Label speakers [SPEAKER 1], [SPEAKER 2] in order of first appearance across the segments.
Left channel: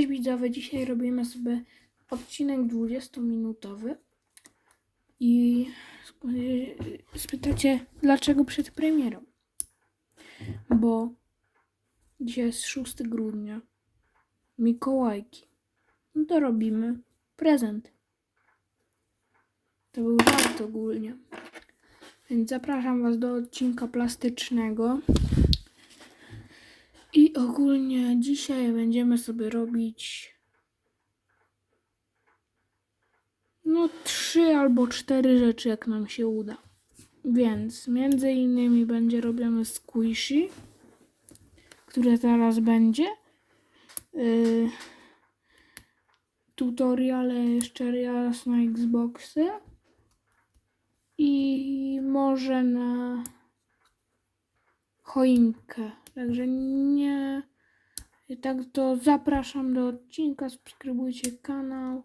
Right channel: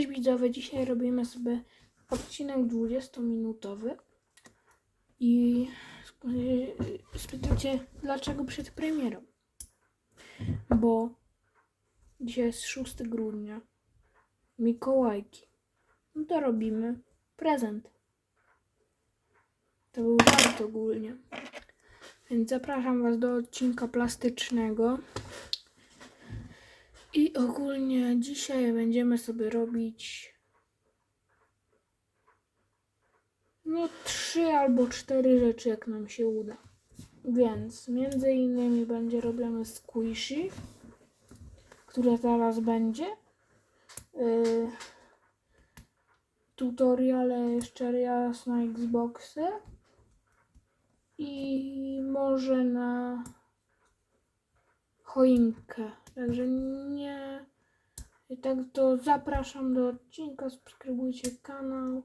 [SPEAKER 1] Cześć widzowie, dzisiaj robimy sobie odcinek 20-minutowy i spytacie dlaczego przed premierą? Bo dzisiaj jest 6 grudnia, Mikołajki, no to robimy prezent. To był żart ogólnie. Więc zapraszam Was do odcinka plastycznego. Ogólnie dzisiaj będziemy sobie robić no trzy albo cztery rzeczy, jak nam się uda. Więc między innymi będzie robiony squishy, które teraz będzie. Yy, tutoriale jeszcze raz na Xboxy. I może na choinkę. Także nie. Tak to zapraszam do odcinka. Subskrybujcie kanał,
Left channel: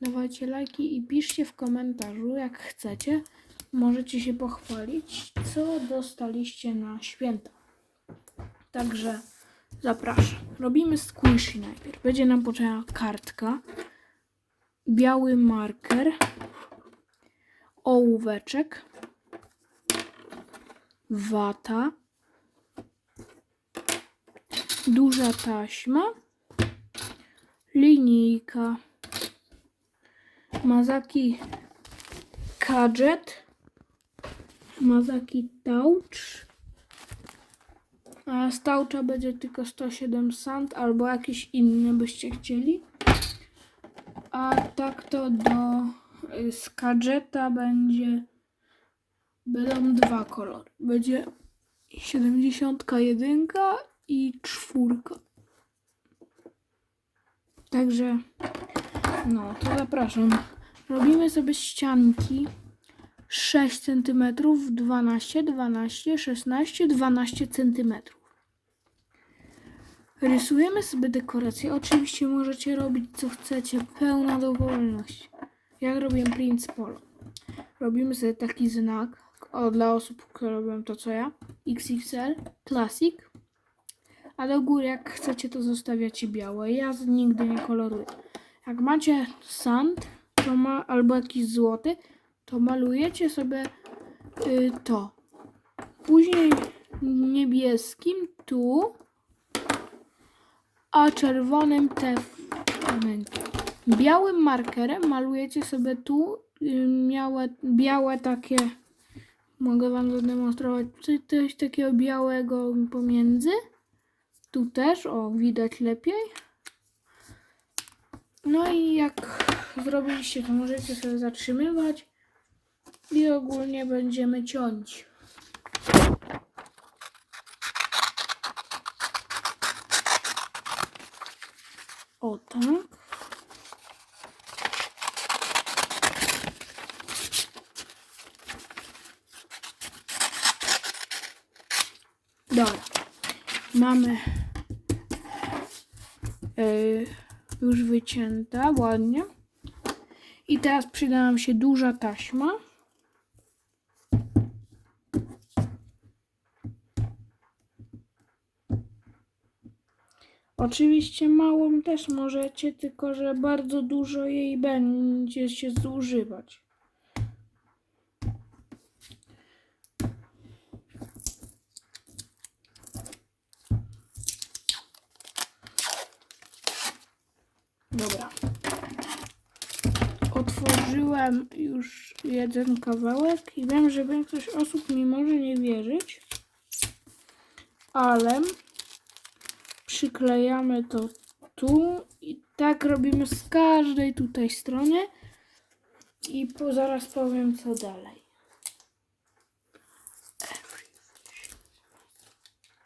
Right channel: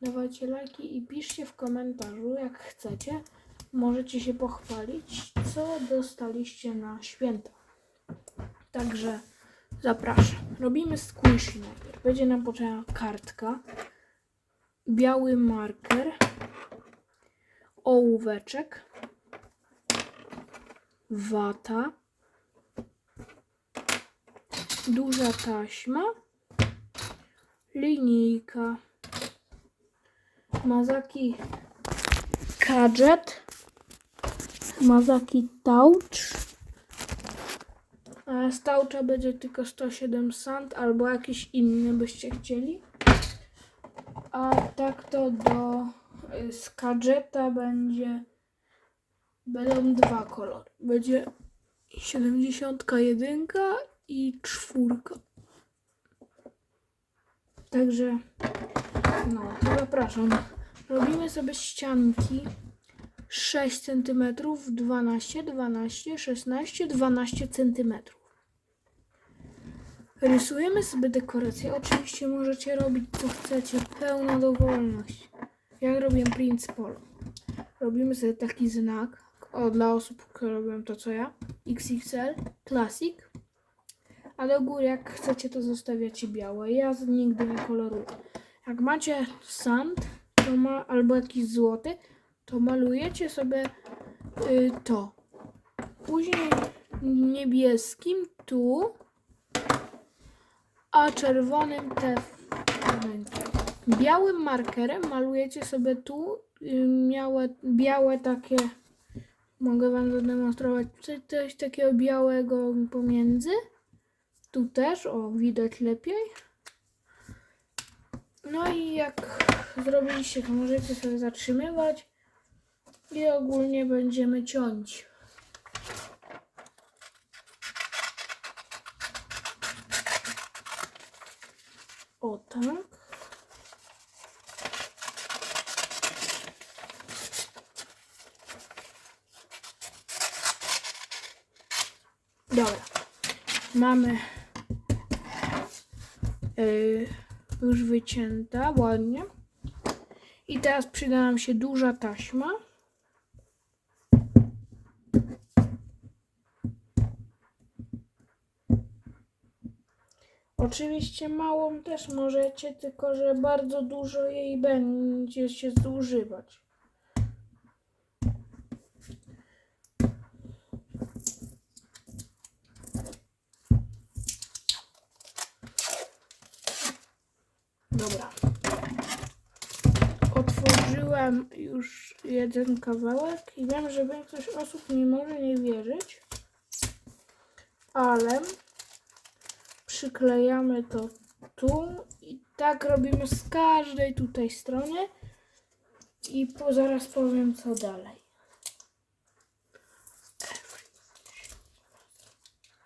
[SPEAKER 1] dawajcie lajki i piszcie w komentarzu, jak chcecie. Możecie się pochwalić, co dostaliście na święta. Także zapraszam. Robimy squishy najpierw. Będzie nam potrzebna kartka, biały marker, ołóweczek, wata, duża taśma, linijka, mazaki kadżet, mazaki taucz. A z taucza będzie tylko 107 sand albo jakiś inny byście chcieli. A tak to do y, z będzie będą dwa kolory. Będzie 71 i czwórka. Także no, to zapraszam. Robimy sobie ścianki 6 cm, 12, 12, 16, 12 cm. Rysujemy sobie dekoracje. Oczywiście możecie robić co chcecie. Pełna dowolność. Jak robię print z polo. Robimy sobie taki znak o, dla osób, które robią to co ja. XXL, Classic. A do góry, jak chcecie, to zostawiacie białe. Ja nigdy nie koloruję. Jak macie sand to ma, albo jakiś złoty, to malujecie sobie y, to. Później niebieskim tu, a czerwonym te. Białym markerem malujecie sobie tu y, miałe, białe takie. Mogę wam zademonstrować coś takiego białego pomiędzy. Tu też, o, widać lepiej. No i jak zrobiliście, to możecie sobie zatrzymywać i ogólnie będziemy ciąć. O tak. Dobra. Mamy yy, już wycięta ładnie. I teraz przyda nam się duża taśma. Oczywiście małą też możecie, tylko że bardzo dużo jej będzie się zużywać. Dobra. Otworzyłem już jeden kawałek i wiem, że większość osób mi może nie wierzyć, ale przyklejamy to tu i tak robimy z każdej tutaj stronie i po, zaraz powiem co dalej.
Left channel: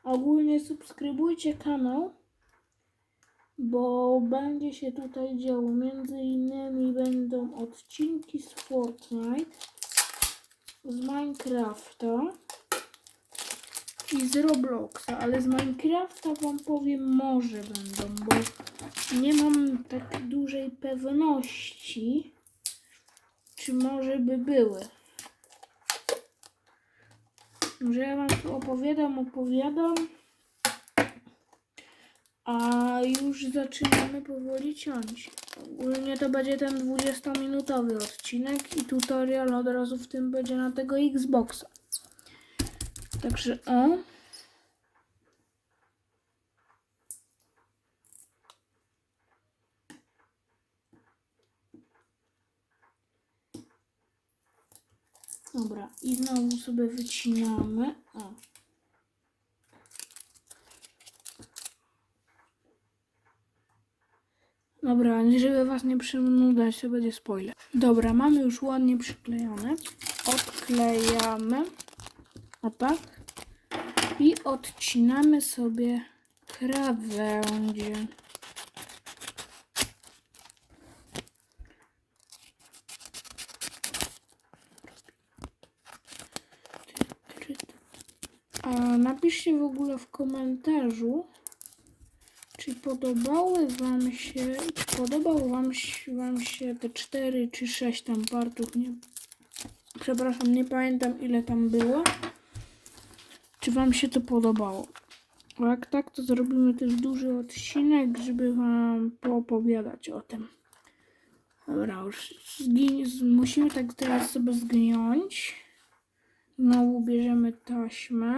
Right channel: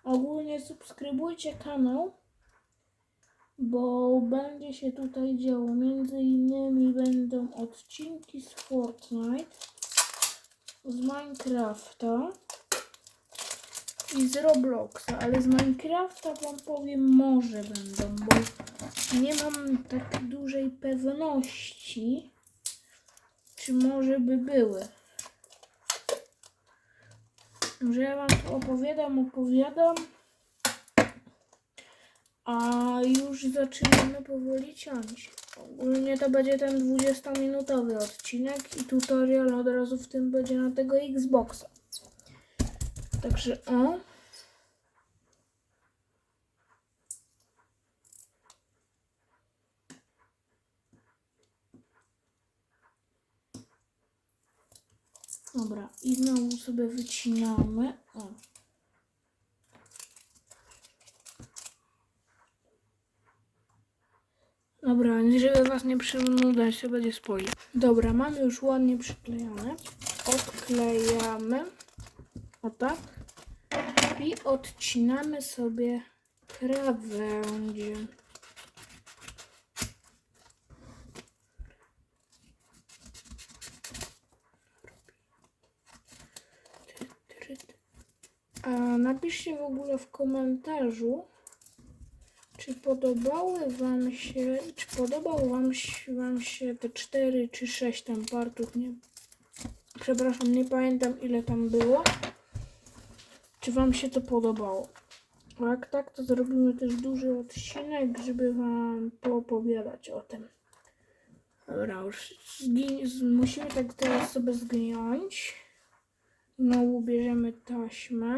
[SPEAKER 1] Ogólnie subskrybujcie kanał bo będzie się tutaj działo. Między innymi będą odcinki z Fortnite, z Minecrafta i z Robloxa, ale z Minecrafta wam powiem może będą, bo nie mam tak dużej pewności, czy może by były. Że ja wam tu opowiadam, opowiadam. A już zaczynamy powoli ciąć. Ogólnie to będzie ten 20-minutowy odcinek i tutorial od razu w tym będzie na tego Xboxa. Także o. Dobra, i znowu sobie wycinamy. O. Dobra, żeby was nie przynudzać, to będzie spoiler. Dobra, mamy już ładnie przyklejone. Odklejamy. O tak. I odcinamy sobie krawędzie. A napiszcie w ogóle w komentarzu, czy podobały Wam się, czy podobał Wam, wam się te 4 czy 6 tam partów, nie, przepraszam, nie pamiętam ile tam było. Czy Wam się to podobało? Bo jak tak, to zrobimy też duży odcinek, żeby Wam poopowiadać o tym. Dobra, już musimy tak teraz sobie zgniąć. Znowu bierzemy taśmę.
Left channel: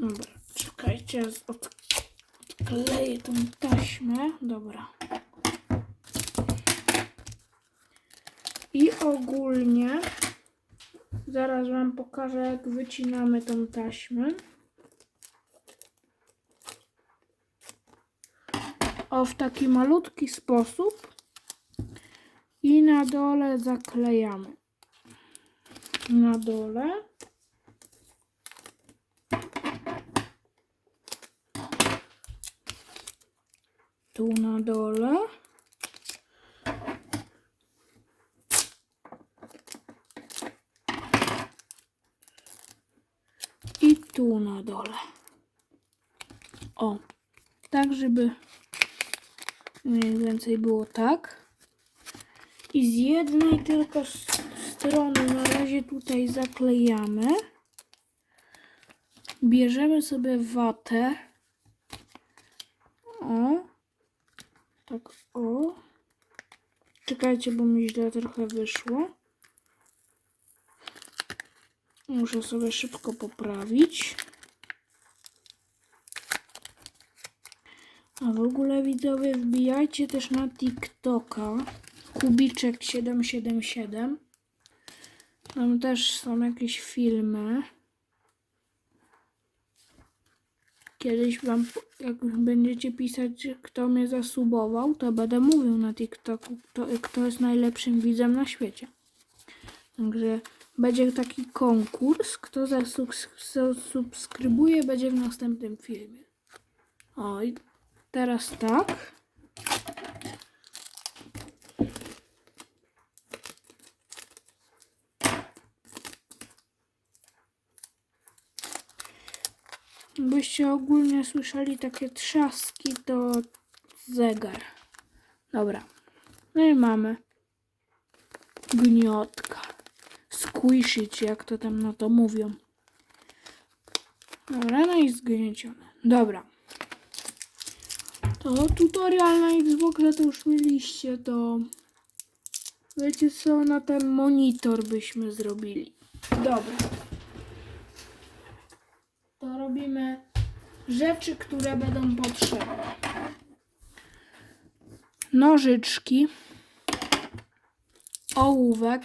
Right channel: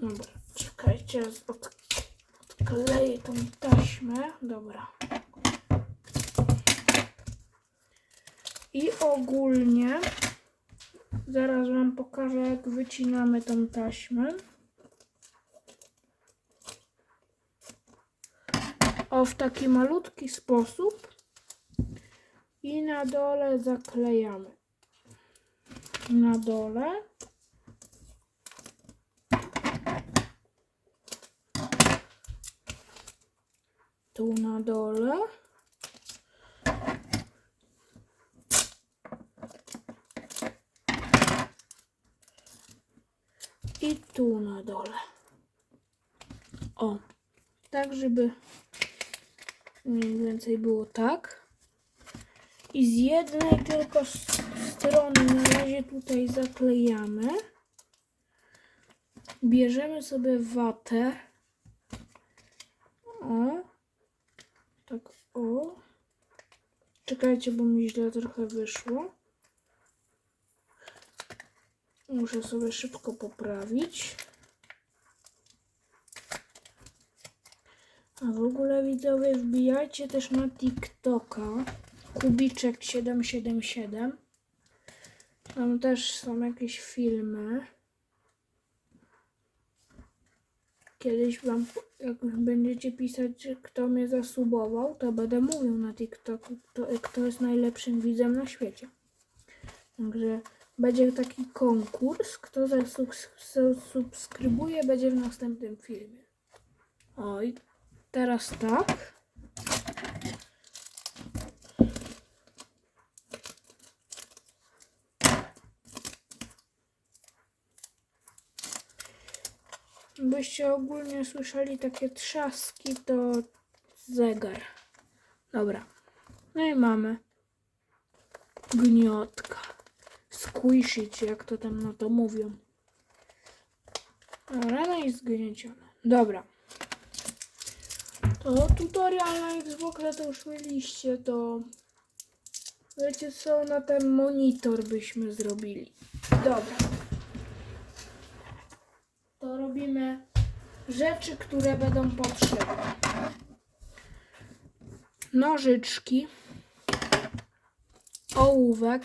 [SPEAKER 1] Dobra, czekajcie, od, odkleję tą taśmę. Dobra. I ogólnie zaraz Wam pokażę, jak wycinamy tą taśmę. O, w taki malutki sposób. I na dole zaklejamy. Na dole. Tu na dole. I tu na dole. O, tak, żeby mniej więcej było tak. I z jednej tylko strony na razie tutaj zaklejamy. Bierzemy sobie watę. O. Tak, o. Czekajcie, bo mi źle trochę wyszło. Muszę sobie szybko poprawić. A w ogóle widzowie wbijajcie też na TikToka Kubiczek 777. Tam też są jakieś filmy. Kiedyś wam, jak będziecie pisać, kto mnie zasubował, to będę mówił na TikToku, kto, kto jest najlepszym widzem na świecie. Także będzie taki konkurs. Kto zasubs- zasubskrybuje, będzie w następnym filmie. O, i teraz tak. Byście ogólnie słyszeli takie trzaski, to zegar. Dobra. No i mamy gniotka. Squishy, czy jak to tam na to mówią. Dobra, no i zgniecione. Dobra. To tutorial na Xboxa to już mieliście, to wiecie co, na ten monitor byśmy zrobili. Dobra. To robimy rzeczy, które będą potrzebne. Nożyczki, ołówek,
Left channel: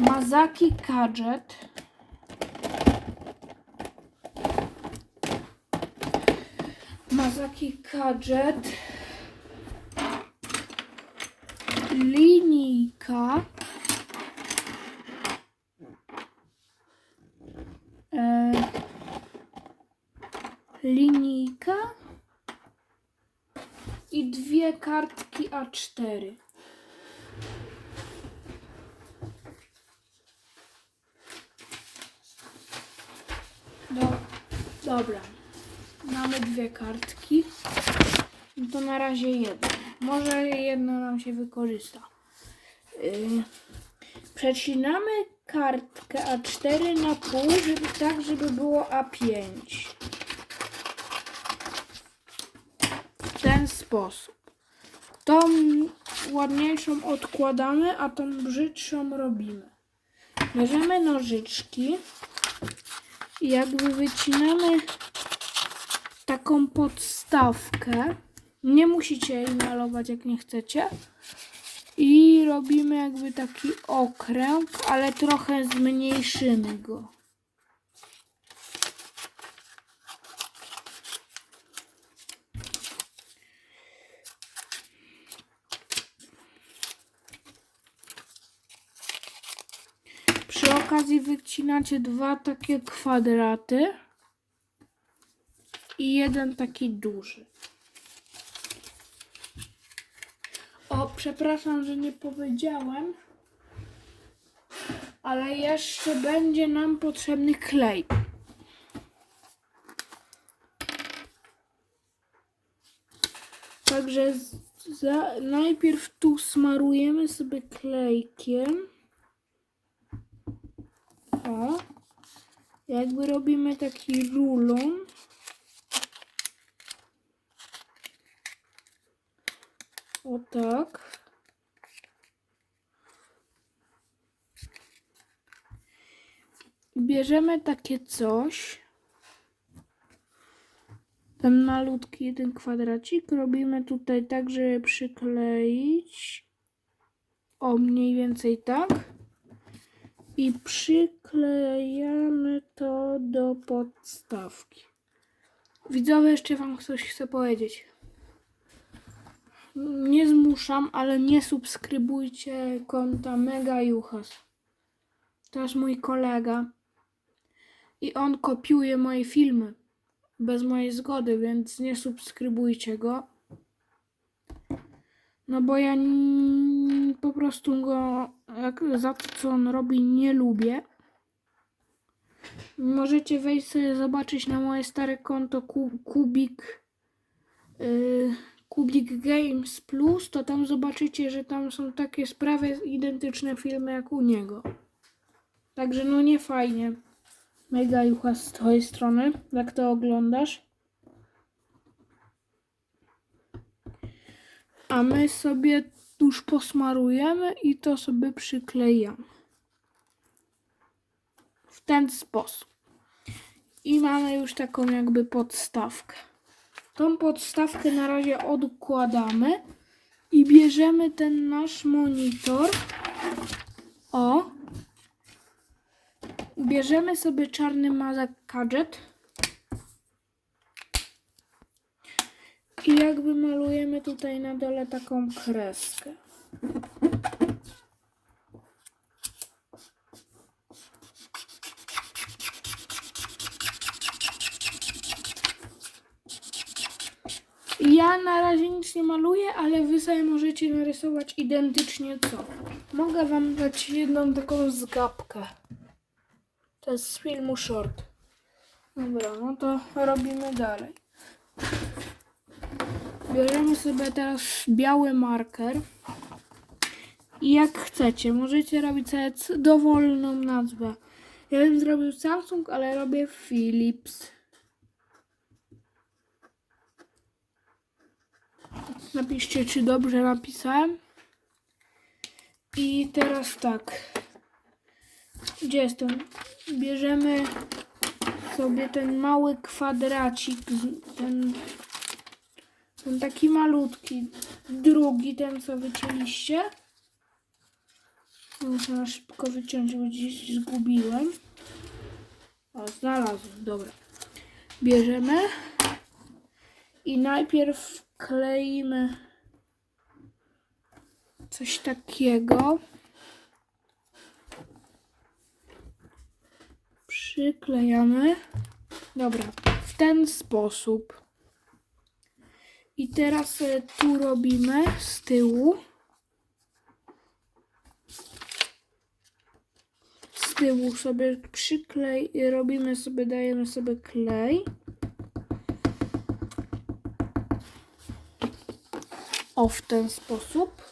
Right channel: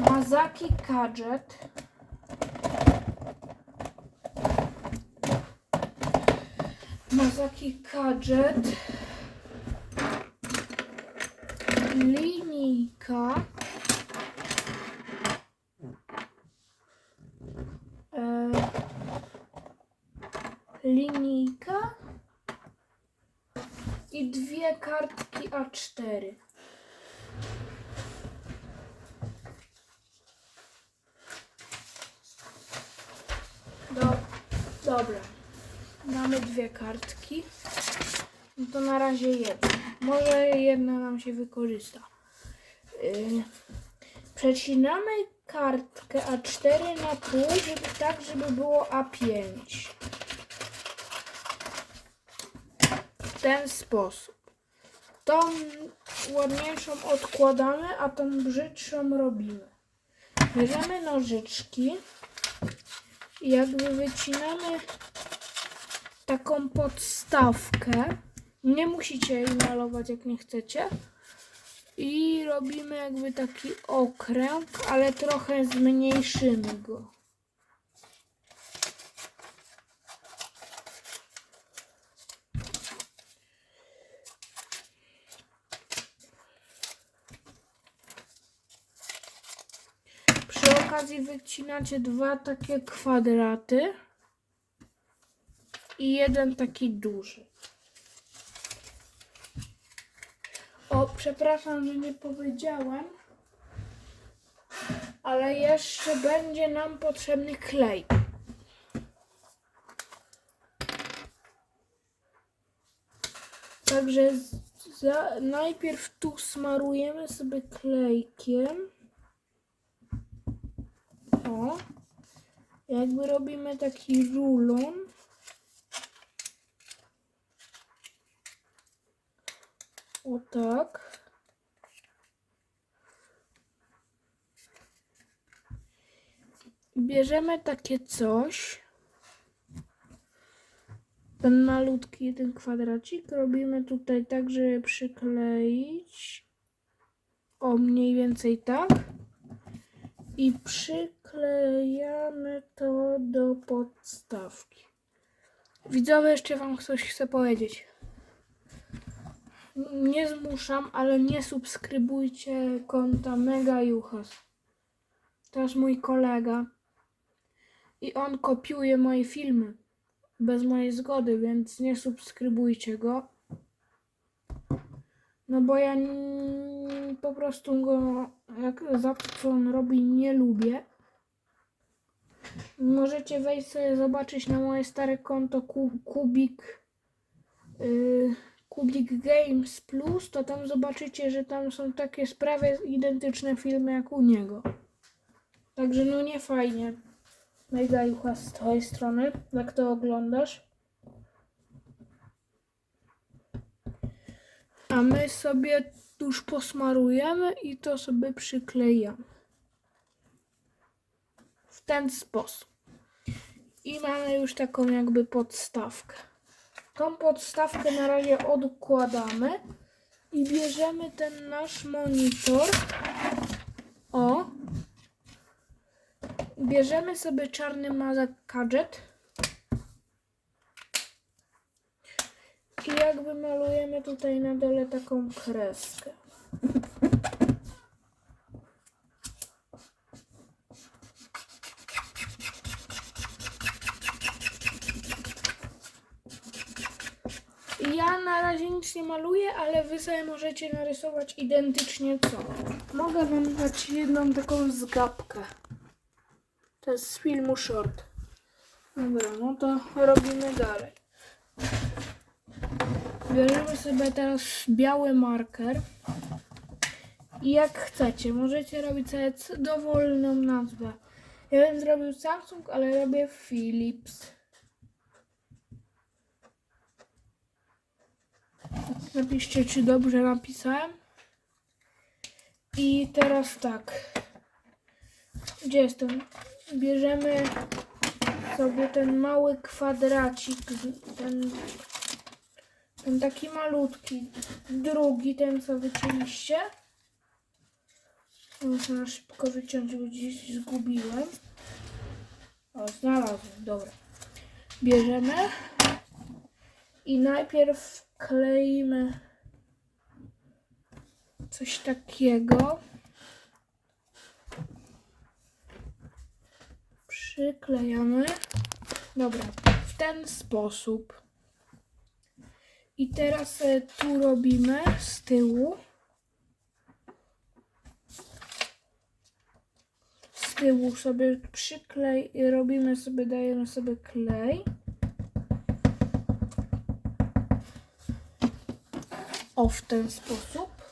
[SPEAKER 1] Mazaki Kadżet, Mazaki Kadżet, linijka i dwie kartki A4. Do, dobra, mamy dwie kartki. No to na razie jedna. Może jedna nam się wykorzysta. Yy, przecinamy kartkę A4 na pół, żeby, tak żeby było A5. Ten sposób. Tą ładniejszą odkładamy, a tą brzydszą robimy. Bierzemy nożyczki i jakby wycinamy taką podstawkę. Nie musicie jej malować jak nie chcecie. I robimy jakby taki okręg, ale trochę zmniejszymy go. Okazji wycinacie dwa takie kwadraty i jeden taki duży. O, przepraszam, że nie powiedziałem, ale jeszcze będzie nam potrzebny klej. Także za, najpierw tu smarujemy sobie klejkiem. O, jakby robimy taki rulon. O tak. Bierzemy takie coś. Ten malutki ten kwadracik robimy tutaj tak, żeby przykleić. O, mniej więcej tak. I przyklejamy to do podstawki. Widzowie, jeszcze wam coś chcę powiedzieć. Nie zmuszam, ale nie subskrybujcie konta Mega Juchas. To jest mój kolega. I on kopiuje moje filmy. Bez mojej zgody, więc nie subskrybujcie go. No bo ja po prostu go jak za to, co on robi, nie lubię. Możecie wejść sobie zobaczyć na moje stare konto Ku- Kubik. Yy, Kubik Games Plus, to tam zobaczycie, że tam są takie sprawy identyczne filmy jak u niego. Także no nie fajnie. Mega jucha z twojej strony, jak to oglądasz. A my sobie tuż posmarujemy i to sobie przyklejamy. Ten sposób. I mamy już taką jakby podstawkę. Tą podstawkę na razie odkładamy i bierzemy ten nasz monitor. O. Bierzemy sobie czarny mazak gadżet. I jakby malujemy tutaj na dole taką kreskę. Ja na razie nic nie maluję, ale wy sobie możecie narysować identycznie co. Mogę wam dać jedną taką zgapkę. To jest z filmu short. Dobra, no to robimy dalej. Bierzemy sobie teraz biały marker. I jak chcecie, możecie robić sobie dowolną nazwę. Ja bym zrobił Samsung, ale robię Philips. Napiszcie, czy dobrze napisałem. I teraz tak. Gdzie jestem? Bierzemy sobie ten mały kwadracik, ten, ten taki malutki, drugi, ten co wycięliście. Muszę na szybko wyciąć, bo gdzieś zgubiłem. O, znalazłem, dobra. Bierzemy i najpierw kleimy coś takiego. Przyklejamy. Dobra, w ten sposób. I teraz e, tu robimy z tyłu. Z tyłu sobie przyklej, robimy sobie, dajemy sobie klej. O, w ten sposób.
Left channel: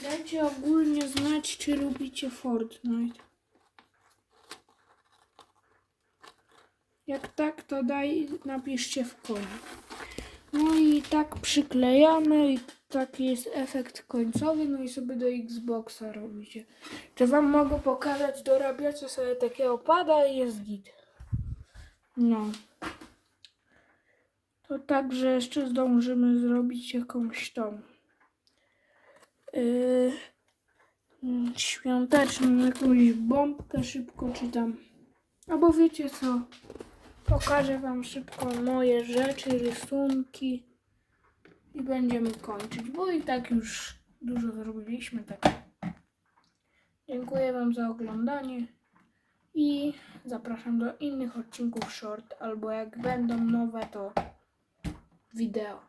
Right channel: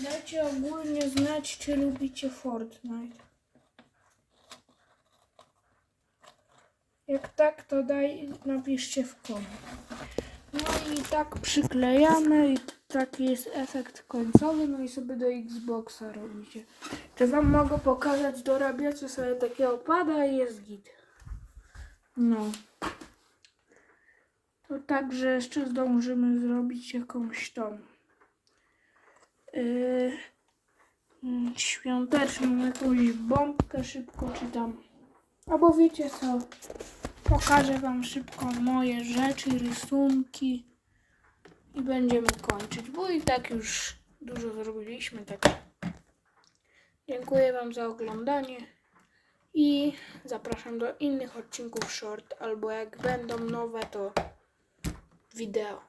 [SPEAKER 1] Dajcie ogólnie znać, czy lubicie Fortnite. Jak tak, to daj, napiszcie w konie. No i tak przyklejamy i taki jest efekt końcowy, no i sobie do Xboxa robicie. To wam mogę pokazać, dorabiacie sobie takiego pada i jest git. No. To także jeszcze zdążymy zrobić jakąś tą yy, świąteczną jakąś bombkę szybko czy tam. Albo wiecie co? Pokażę wam szybko moje rzeczy, rysunki i będziemy kończyć, bo i tak już dużo zrobiliśmy. Tak. Dziękuję wam za oglądanie i zapraszam do innych odcinków short, albo jak będą nowe to wideo.